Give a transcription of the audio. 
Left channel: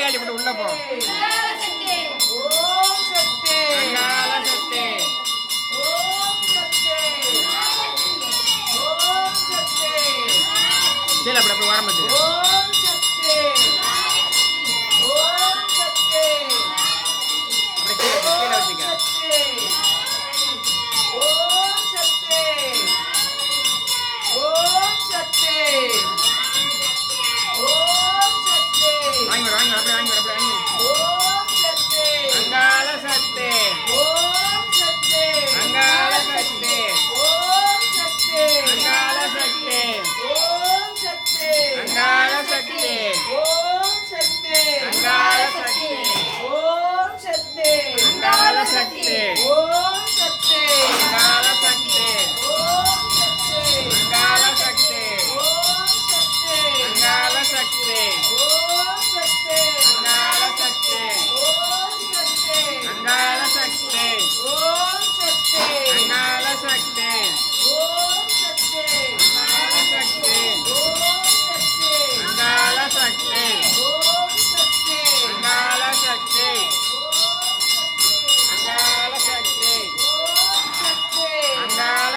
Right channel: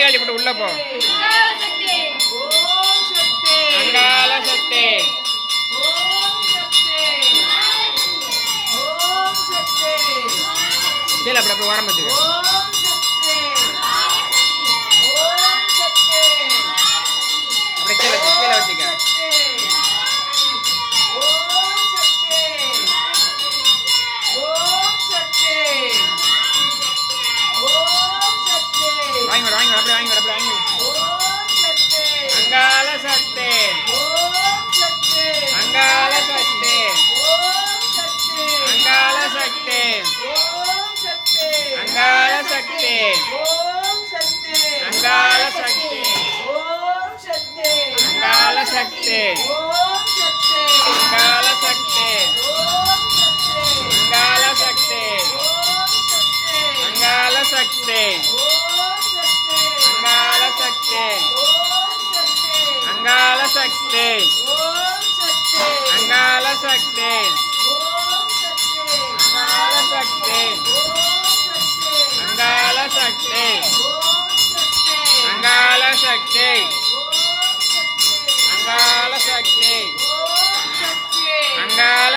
சட்டை காட்டி போட்டு உள்ள போ. அங்காள சக்தி சரி அப்படி அப்படி ஓரம் பார்த்துக்க. அப்படி கீழே கீழே வச்சுக்க. வாங்கி விட வாங்கி அப்படி வாங்கி விட அப்படி வாங்கி. அங்காள சக்தி அங்காள சக்தி அங்காள சக்தி அங்காள சக்தி அங்காள சக்தி அங்காள சக்தி அங்காள சக்தி அங்காள சக்தி அங்காள சக்தி அங்காள சக்தி அங்காள சக்தி அங்காள சக்தி